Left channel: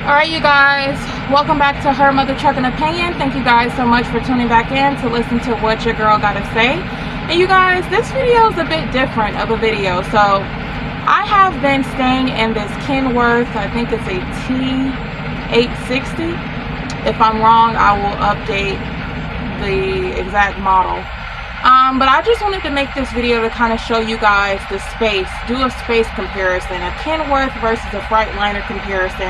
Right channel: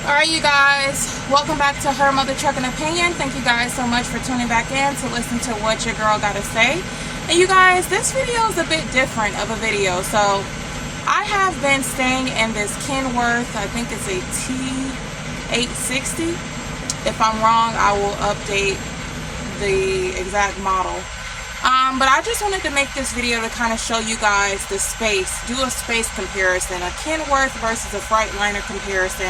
Alright, you guys, welcome back to Her Mother Trucking Opinion. Thank you guys so much for tuning back in to listen to what your girl got to say. And you guys, this video is a bit different of a video. So I have been staying in this Kenworth, I think it's a T680. If I'm wrong, I will update the exact model. But I just wanted to make this video to kind of show you guys the space, do a space comparison, a Kenworth versus a Freightliner comparison.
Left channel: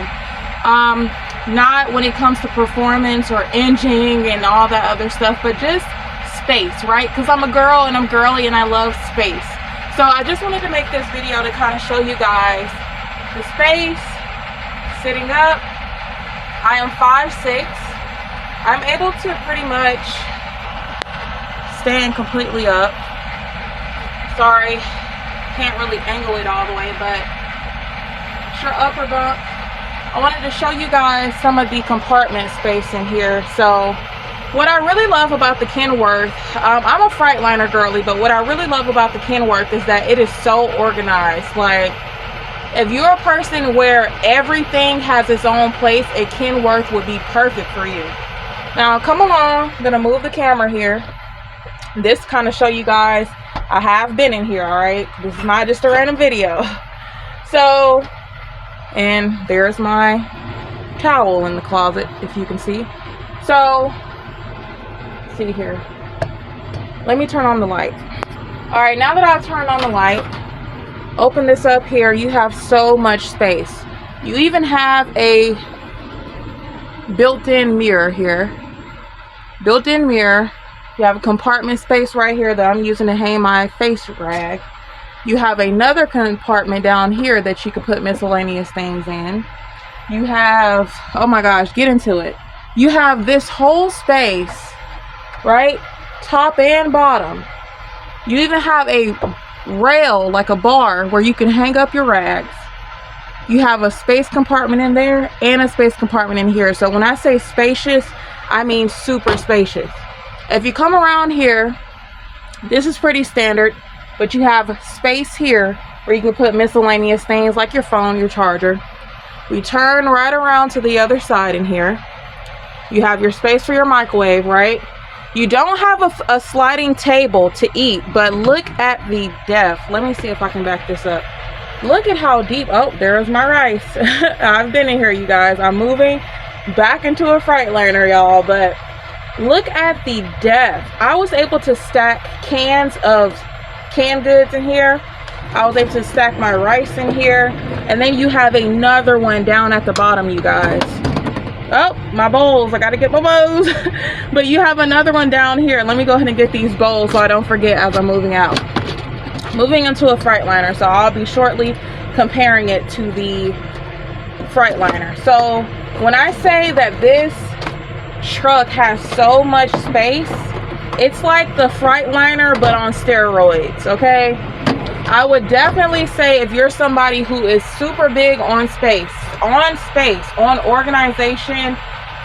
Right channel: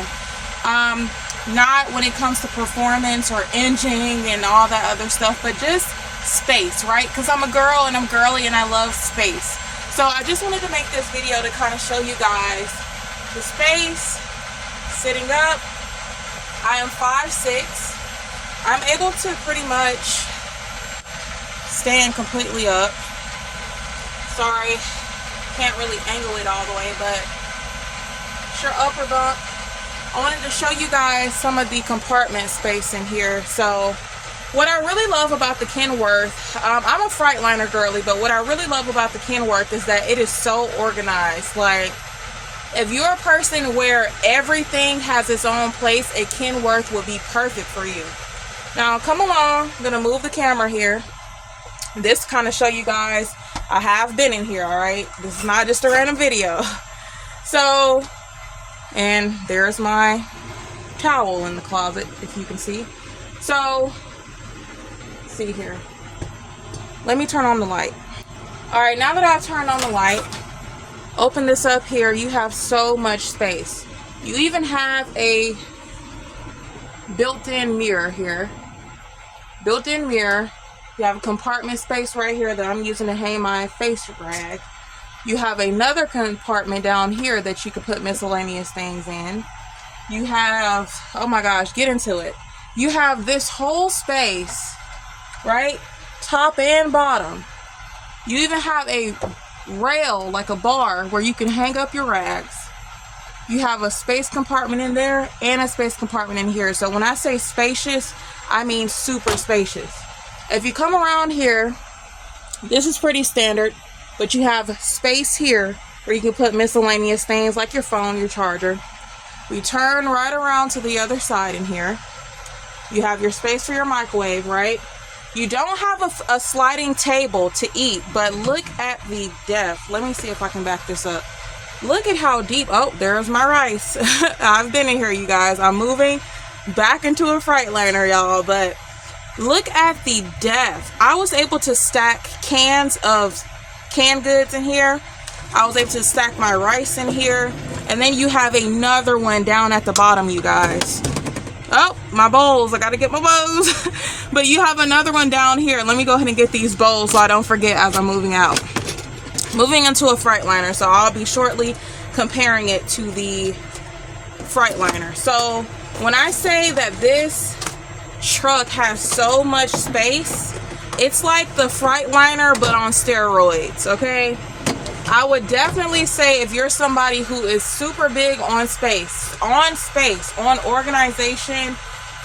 Not when it comes to performance or engine and all that other stuff, but just space, right? Because I'm a girl and I'm girly and I love space. So I just wanted to make this video to kind of show you guys the space. Sitting up, I am 5'6". I'm able to pretty much stand completely up. Sorry, can't really angle it all the way, but it's your upper bump. I wanted to show you guys some of the compartment space in here. So what I really love about the Kenworth, I'm a Freightliner girly, but what I really love about the Kenworth is that it is so organized. Like, if you're a person where everything has its own place, a Kenworth would be perfect for you. Now come along, I'm gonna move the camera here. This kind of show you guys I have been in here, all right? This is not just a random video. So, and there's my towel in the closet, if you can see. So, see here. Let me turn on the light. All right, now that I've turned on the light, open this up here. You have so much space. You even have a built-in mirror here. Built-in mirror. You have a compartment space right here that I'm using to hang my face rag. You have another compartment down here that you can put miscellaneous things in. You have, oh my gosh, get into it. You have this whole space, right? Top and bottom. You even have a rail, like a bar, where you can hang up your rags. You have a space compartment in there and a space compartment in here. So when I say spacious, I mean super spacious. If you come around here, this is pretty standard. But you have space here where you can put miscellaneous things like your phone, your charger. We turn right around to the other side in here. You have your space for your microwave, right? You don't have a sliding table to eat, but look at the depth. Let me see if I can back this up. Look at how deep. Oh, there's my rice. I've been in here, you guys. I'm moving back into a Freightliner, y'all, but look at the depth. I was able to stack cans of canned goods in here. I was able to stack my rice in here, and then you have another one down at the bottom, you guys. Oh, my bowls, I gotta get my bowls. But you have another one down here. Let me go ahead and get these bowls so I don't forget as I'm moving out. Moving into a Freightliner, so I'll be shortly comparing it to the Freightliner. So when I say that this truck has so much space, it's like the Freightliner but on steroids, okay? I would definitely say if you're somebody who is super big on space, on organization,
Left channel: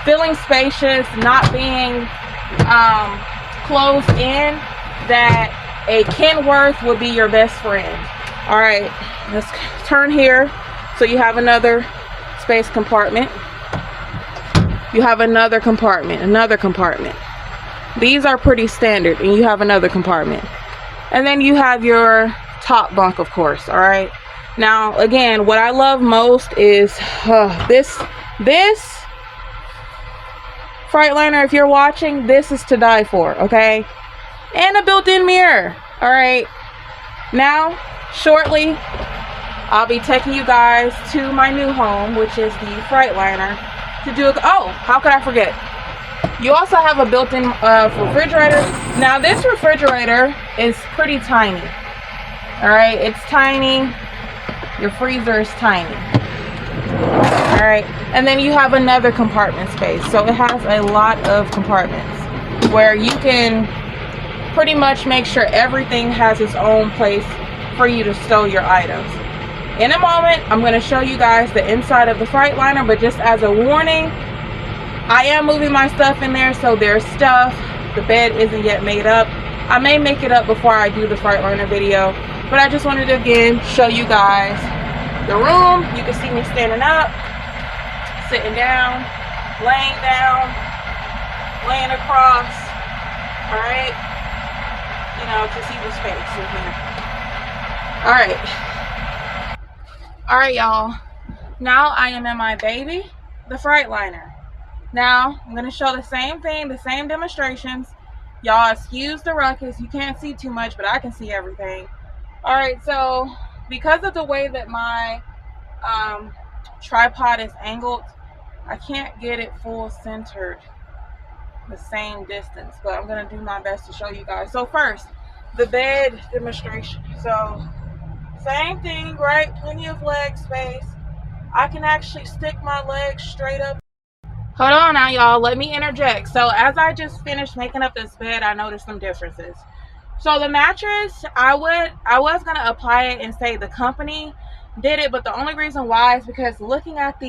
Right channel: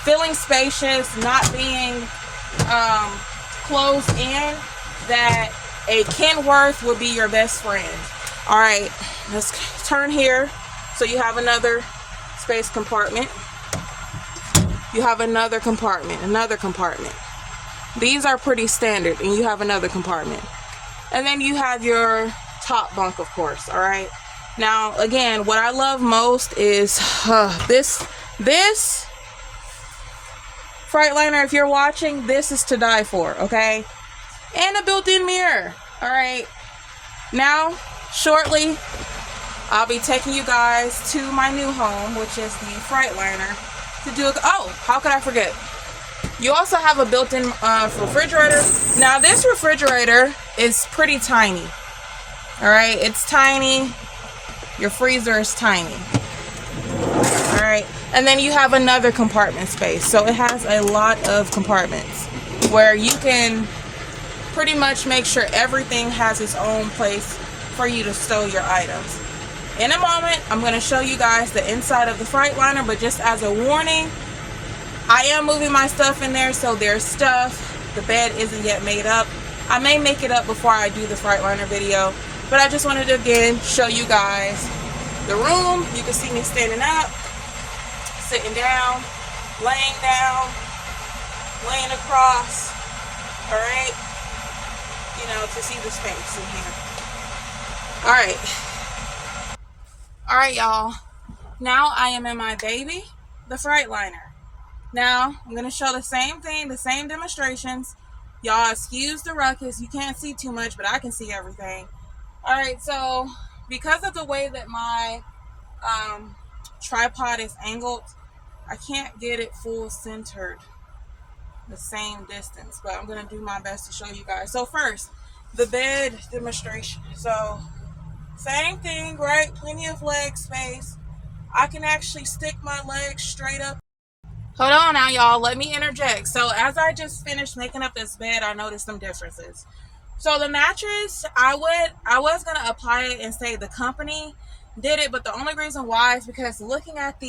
feeling spacious, not being closed in, that a Kenworth would be your best friend. All right, let's turn here. So you have another space compartment. You have another compartment, another compartment. These are pretty standard, and you have another compartment. And then you have your top bunk, of course, all right? Now, again, what I love most is this Freightliner, if you're watching, this is to die for, okay? And a built-in mirror, all right? Now, shortly, I'll be taking you guys to my new home, which is the Freightliner, to do it. Oh, how could I forget? You also have a built-in refrigerator. Now this refrigerator is pretty tiny. All right, it's tiny. Your freezer is tiny. All right, and then you have another compartment space. So it has a lot of compartments where you can pretty much make sure everything has its own place for you to stow your items. In a moment, I'm going to show you guys the inside of the Freightliner, but just as a warning, I am moving my stuff in there, so there's stuff. The bed isn't yet made up. I may make it up before I do the Freightliner video, but I just wanted to again show you guys the room. You can see me standing up, sitting down, laying down, laying across, all right? You know, to see the space in here. All right, y'all. Now I am in my baby, the Freightliner. Now I'm gonna show the same thing, the same demonstrations. Y'all excuse the ruckus. You can't see too much, but I can see everything. All right, so because of the way that my tripod is angled, I can't get it full centered the same distance, but I'm gonna do my best to show you guys. So first, the bed demonstration. So same thing, right? Plenty of leg space. I can actually stick my legs straight up. Hold on now, y'all. Let me interject. So as I just finished making up this bed, I noticed some differences. So the mattress, I was gonna apply it and say the company did it, but the only reason why is because looking at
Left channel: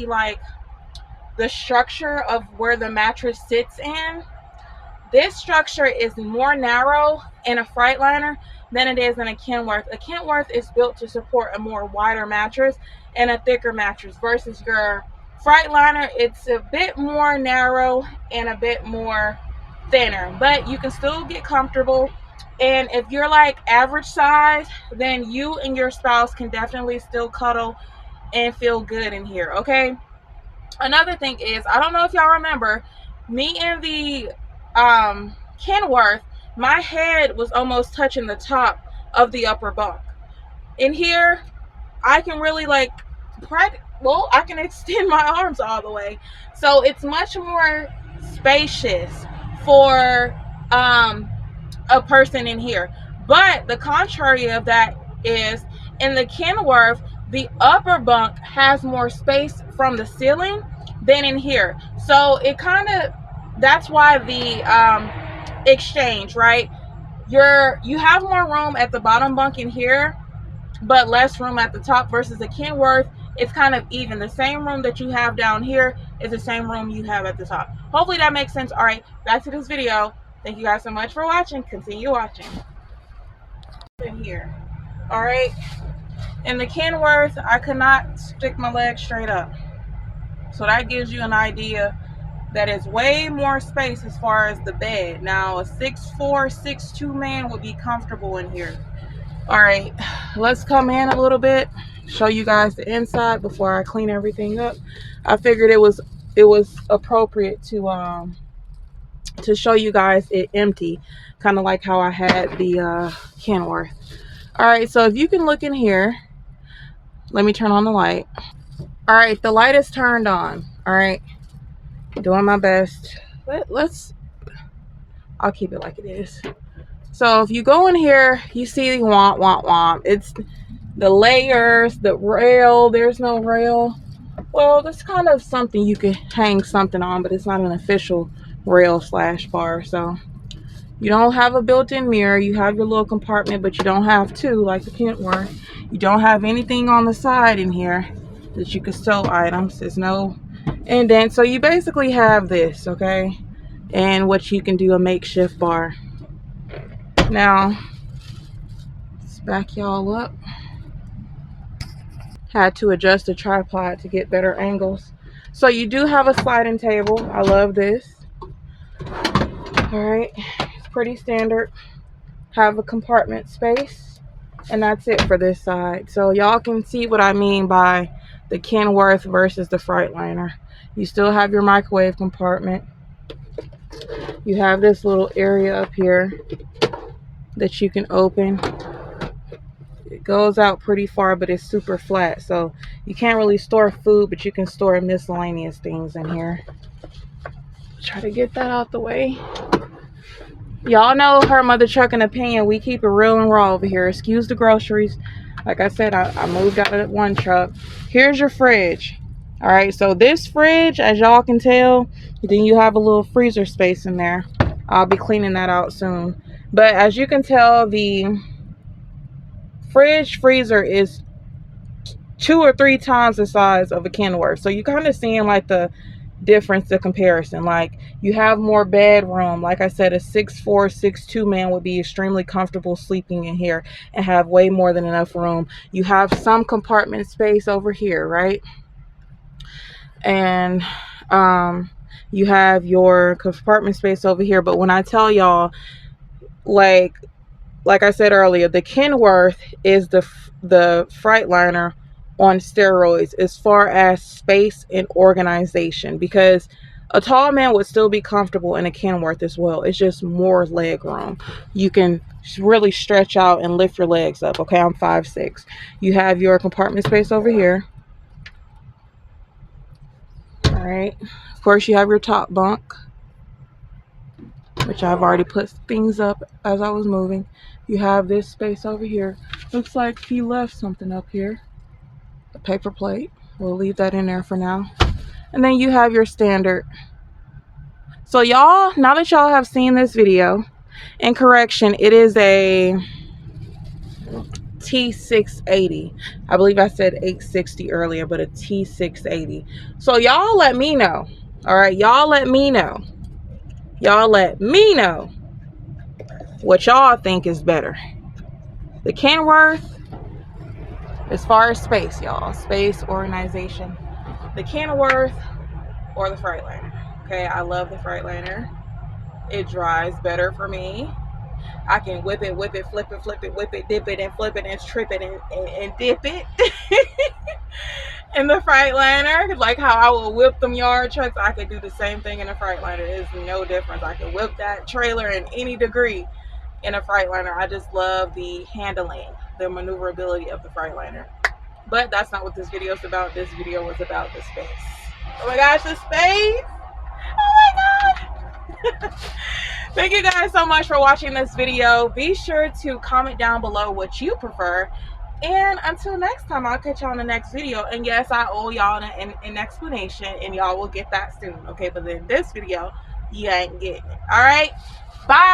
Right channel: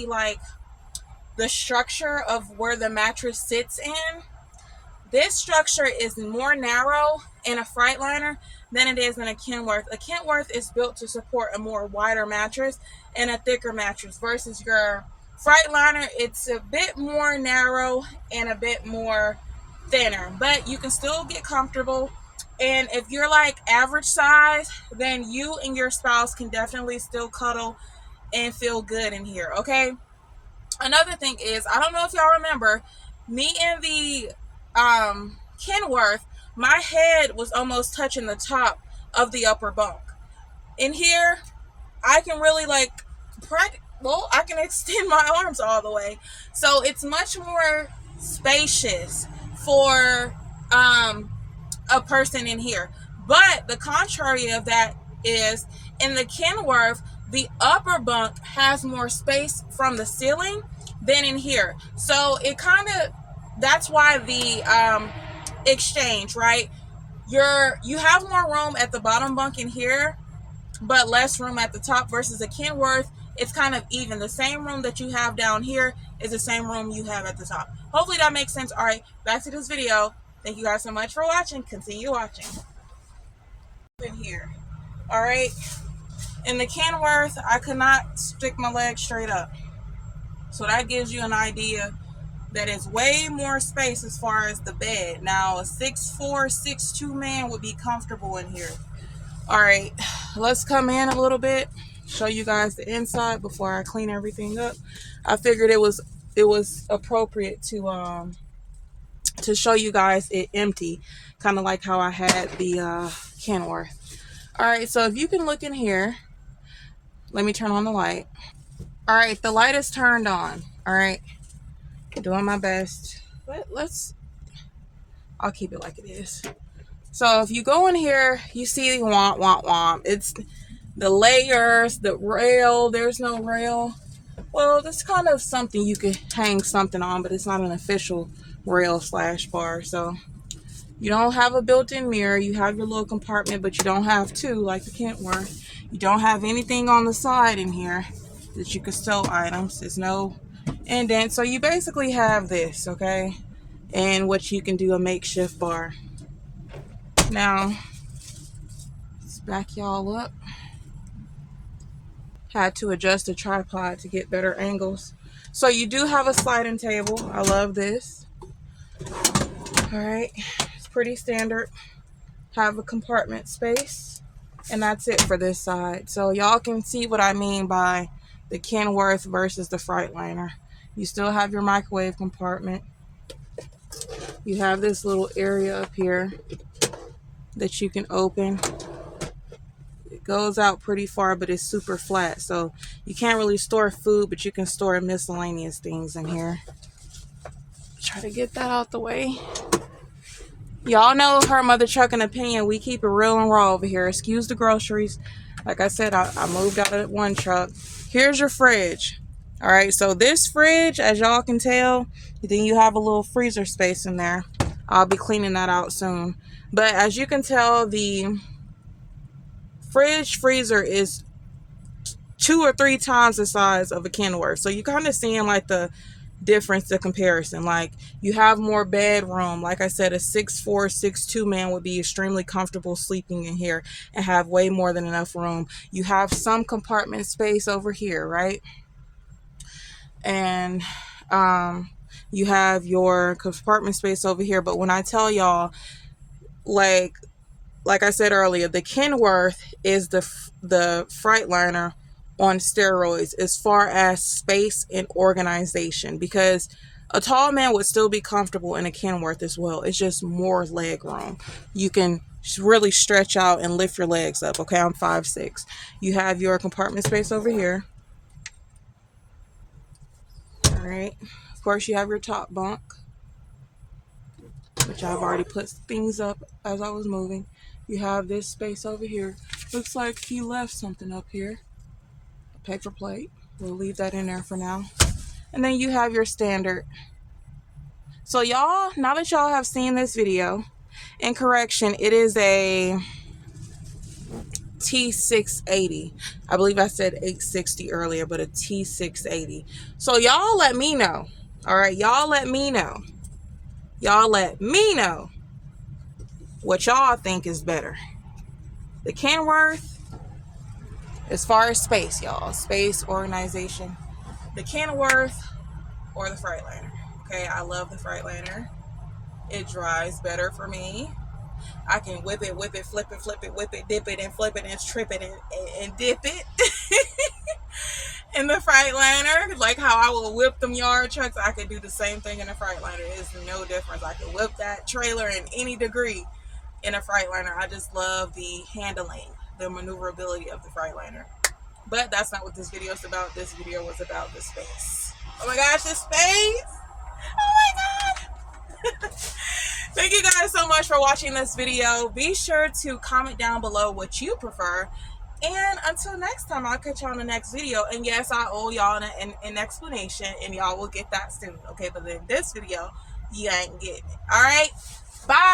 the structure of where the mattress sits in, this structure is more narrow in a Freightliner than it is in a Kenworth. A Kenworth is built to support a more wider mattress and a thicker mattress versus your Freightliner. It's a bit more narrow and a bit more thinner, but you can still get comfortable. And if you're like average size, then you and your spouse can definitely still cuddle and feel good in here, okay? Another thing is, I don't know if y'all remember, me and the Kenworth, my head was almost touching the top of the upper bunk. In here, I can really I can extend my arms all the way. So it's much more spacious for a person in here. But the contrary of that is, in the Kenworth, the upper bunk has more space from the ceiling than in here. So it kind of, that's why the exchange, right? You have more room at the bottom bunk in here, but less room at the top, versus a Kenworth, it's kind of even. The same room that you have down here is the same room you have at the top. Hopefully that makes sense. All right, back to this video. Thank you guys so much for watching. Continue watching. In here, all right. In the Kenworth, I could not stick my legs straight up. So that gives you an idea that it's way more space as far as the bed. Now, a 6'4", 6'2" man would be comfortable in here. All right, let's come in a little bit, show you guys the inside before I clean everything up. I figured it was appropriate to show you guys it empty, kind of like how I had the Kenworth. All right, so if you can look in here, let me turn on the light. All right, the light is turned on. All right, doing my best. I'll keep it like it is. So if you go in here, you see the womp. It's the layers, the rail. There's no rail. Well, that's kind of something you could hang something on, but it's not an official rail / bar. So you don't have a built-in mirror. You have your little compartment, but you don't have two like the Kenworth. You don't have anything on the side in here that you could stow items. There's no indent. So you basically have this, okay? And what you can do, a makeshift bar. Now, let's back y'all up. Had to adjust the tripod to get better angles. So you do have a sliding table. I love this. All right, it's pretty standard. Have a compartment space, and that's it for this side. So y'all can see what I mean by the Kenworth versus the Freightliner. You still have your microwave compartment. You have this little area up here that you can open. It goes out pretty far, but it's super flat, so you can't really store food, but you can store miscellaneous things in here. Try to get that out the way. Y'all know her mother trucking opinion. We keep it real and raw over here. Excuse the groceries. Like I said, I moved out of that one truck. Here's your fridge. All right, so this fridge, as y'all can tell, then you have a little freezer space in there. I'll be cleaning that out soon. But as you can tell, the freezer is 2 or 3 times the size of a Kenworth. So you kind of seeing like the difference, the comparison. Like, you have more bedroom. Like I said, a 6'4", 6'2" man would be extremely comfortable sleeping in here and have way more than enough room. You have some compartment space over here, right? and you have your compartment space over here. But when I tell y'all, like I said earlier, the Kenworth is the Freightliner on steroids as far as space and organization, because a tall man would still be comfortable in a Kenworth as well. It's just more leg room. You can really stretch out and lift your legs up. Okay, I'm 5'6". You have your compartment space over here. All right. Of course, you have your top bunk, which I've already put things up as I was moving. You have this space over here. Looks like he left something up here. A paper plate. We'll leave that in there for now. And then you have your standard. So y'all, now that y'all have seen this video, and correction, it is a T680. I believe I said 860 earlier, but a T680. So y'all let me know. All right, y'all let me know. Y'all let me know what y'all think is better. The Kenworth, as far as space, y'all, space, organization, the Kenworth or the Freightliner. Okay, I love the Freightliner. It drives better for me. I can whip it, flip it, whip it, dip it, and flip it, and trip it, and dip it. In the Freightliner, like how I will whip them yard trucks, I can do the same thing in a Freightliner. There's no difference. I can whip that trailer in any degree in a Freightliner. I just love the handling, the maneuverability of the Freightliner. But that's not what this video is about. This video was about the space. Oh my gosh, the space! Oh my god! Thank you guys so much for watching this video. Be sure to comment down below what you prefer. And until next time, I'll catch y'all in the next video. And yes, I owe y'all an explanation, and y'all will get that soon. Okay, but in this video, you ain't getting it. All right? Bye!